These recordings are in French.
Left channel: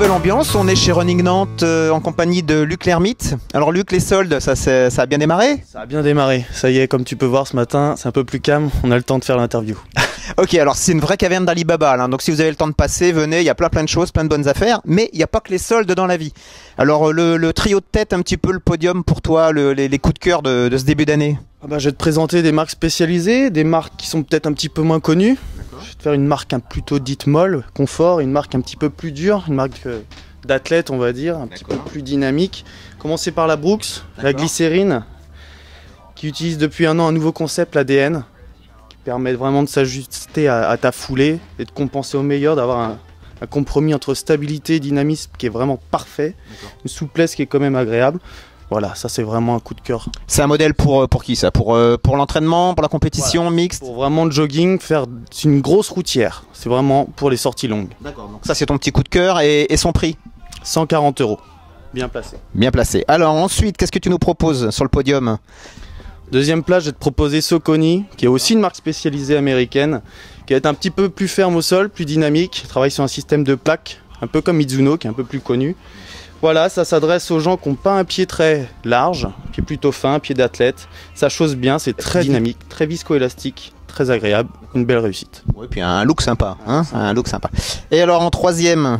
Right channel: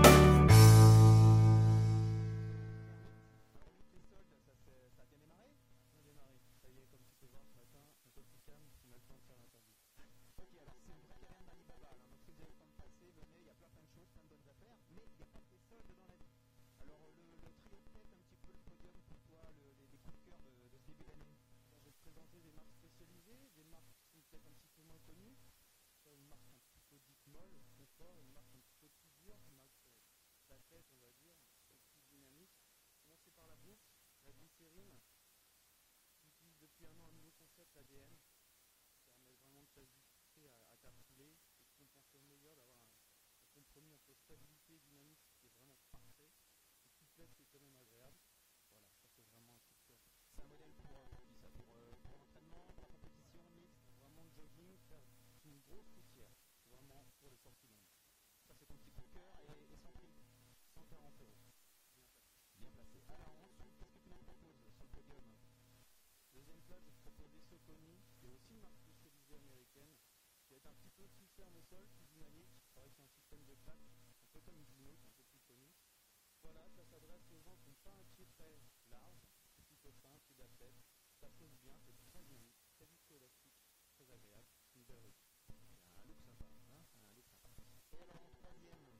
nouvelle ambiance, on est chez Running Nantes en compagnie de Luc Lermite. Alors Luc, les soldes, ça a bien démarré? Ça a bien démarré, ça y est, comme tu peux voir ce matin, c'est un peu plus calme, on a le temps de faire l'interview. Ok, alors c'est une vraie caverne d'Alibaba, là, donc si vous avez le temps de passer, venez, il y a plein de choses, plein de bonnes affaires, mais il n'y a pas que les soldes dans la vie. Alors le trio de tête, un petit peu le podium pour toi, les coups de cœur de ce début d'année? Je vais te présenter des marques spécialisées, des marques qui sont peut-être un petit peu moins connues. Je vais te faire une marque plutôt dite molle, confort, une marque un petit peu plus dure, une marque d'athlète on va dire, un petit peu plus dynamique. Commencer par la Brooks, la glycérine, qui utilise depuis un an un nouveau concept, l'ADN, qui permet vraiment de s'ajuster à ta foulée et de compenser au meilleur, d'avoir un compromis entre stabilité et dynamisme qui est vraiment parfait, une souplesse qui est quand même agréable. Voilà, ça c'est vraiment un coup de cœur. C'est un modèle pour qui ça? Pour l'entraînement, pour la compétition, voilà, mixte? Pour vraiment le jogging, c'est une grosse routière. C'est vraiment pour les sorties longues. D'accord, donc ça c'est ton petit coup de cœur et son prix? 140 €. Bien placé. Bien placé. Alors ensuite, qu'est-ce que tu nous proposes sur le podium? Deuxième place, je vais te proposer Saucony, qui est aussi une marque spécialisée américaine, qui va être un petit peu plus ferme au sol, plus dynamique, travaille sur un système de plaques, un peu comme Mizuno, qui est un peu plus connu. Voilà, ça s'adresse aux gens qui n'ont pas un pied très large, un pied plutôt fin, un pied d'athlète. Ça chausse bien, c'est très dynamique, très viscoélastique, très agréable, une belle réussite. Oui, puis un look sympa, hein, un look sympa. Et alors en troisième,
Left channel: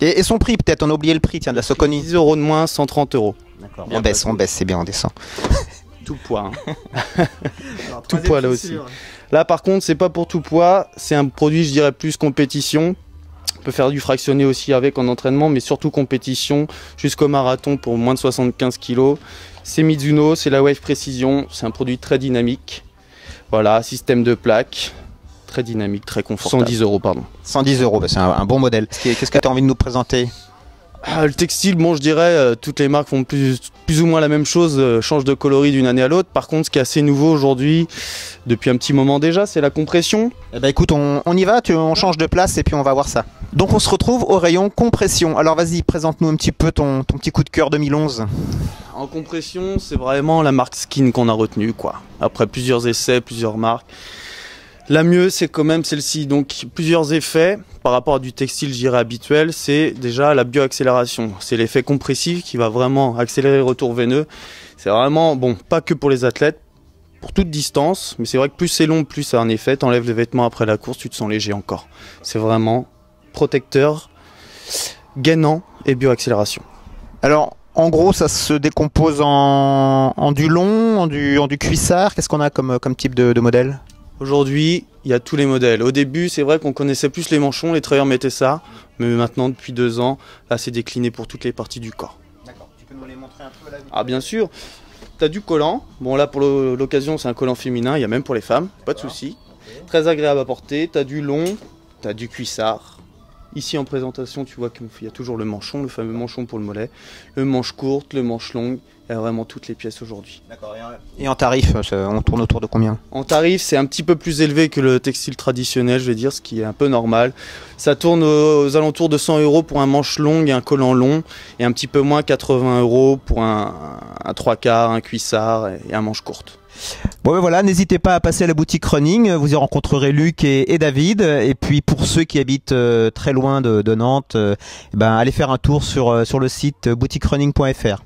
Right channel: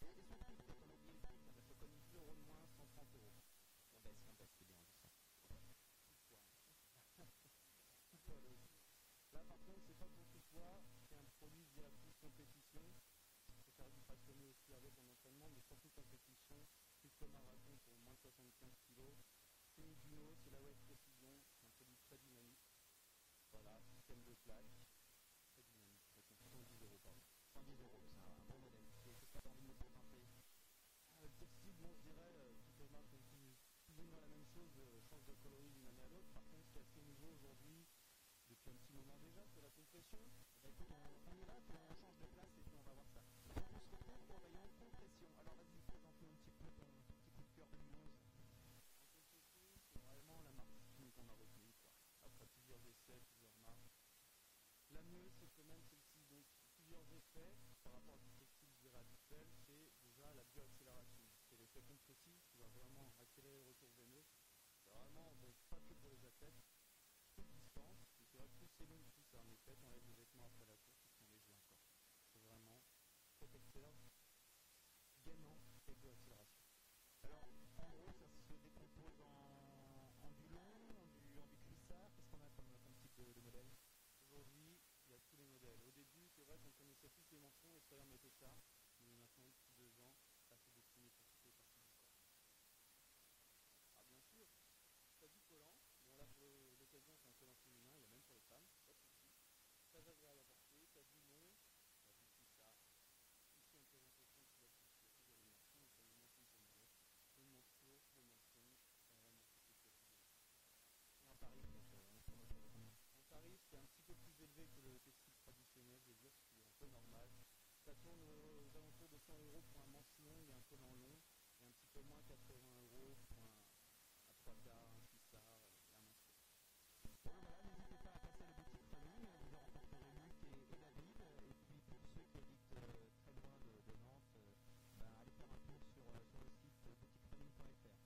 et son prix peut-être, on a oublié le prix, tiens, de la Saucony. 10 € de moins, 130 €. D'accord, on baisse, c'est bien, on descend. Tout poids. Hein. Alors, tout poids là aussi. Là par contre, c'est pas pour tout poids, c'est un produit, je dirais, plus compétition. On peut faire du fractionné aussi avec en entraînement, mais surtout compétition, jusqu'au marathon pour moins de 75 kg. C'est Mizuno, c'est la Wave Précision, c'est un produit très dynamique. Voilà, système de plaques, très dynamique, très confortable. 110 €, pardon. 110 €, c'est un bon modèle. Qu'est-ce que tu as envie de nous présenter? Le textile, bon, je dirais, toutes les marques font plus ou moins la même chose, changent de coloris d'une année à l'autre. Par contre, ce qui est assez nouveau aujourd'hui, depuis un petit moment déjà, c'est la compression. Eh ben écoute, on y va, on change de place et puis on va voir ça. Donc on se retrouve au rayon compression. Alors vas-y, présente-nous un petit peu ton petit coup de cœur 2011. En compression, c'est vraiment la marque Skin qu'on a retenue, quoi. Après plusieurs essais, plusieurs marques. La mieux, c'est quand même celle-ci. Donc plusieurs effets par rapport à du textile, je dirais, habituel. C'est déjà la bioaccélération. C'est l'effet compressif qui va vraiment accélérer le retour veineux. C'est vraiment, bon, pas que pour les athlètes, pour toute distance. Mais c'est vrai que plus c'est long, plus ça a un effet. T'enlèves les vêtements après la course, tu te sens léger encore. C'est vraiment protecteur, gainant et bioaccélération. Alors, en gros, ça se décompose en du long, en du cuissard. Qu'est-ce qu'on a comme type de modèle? Aujourd'hui, il y a tous les modèles. Au début, c'est vrai qu'on connaissait plus les manchons, les travailleurs mettaient ça. Mais maintenant, depuis 2 ans, là, c'est décliné pour toutes les parties du corps. D'accord, tu peux nous les montrer un peu là? Ah, bien sûr. Tu as du collant. Bon, là, pour l'occasion, c'est un collant féminin. Il y a même pour les femmes, pas de souci. Okay. Très agréable à porter. Tu as du long, tu as du cuissard. Ici, en présentation, tu vois qu'il y a toujours le manchon, le fameux manchon pour le mollet. Le manche courte, le manche longue. Il y a vraiment toutes les pièces aujourd'hui. D'accord. Et en tarif, on tourne autour de combien? En tarif, c'est un petit peu plus élevé que le textile traditionnel, je vais dire, ce qui est un peu normal. Ça tourne aux alentours de 100 € pour un manche long et un collant long, et un petit peu moins, 80 € pour un 3/4, un cuissard et un manche courte. Bon ben voilà, n'hésitez pas à passer à la boutique Running, vous y rencontrerez Luc et David. Et puis pour ceux qui habitent très loin de Nantes, allez faire un tour sur le site boutiquerunning.fr.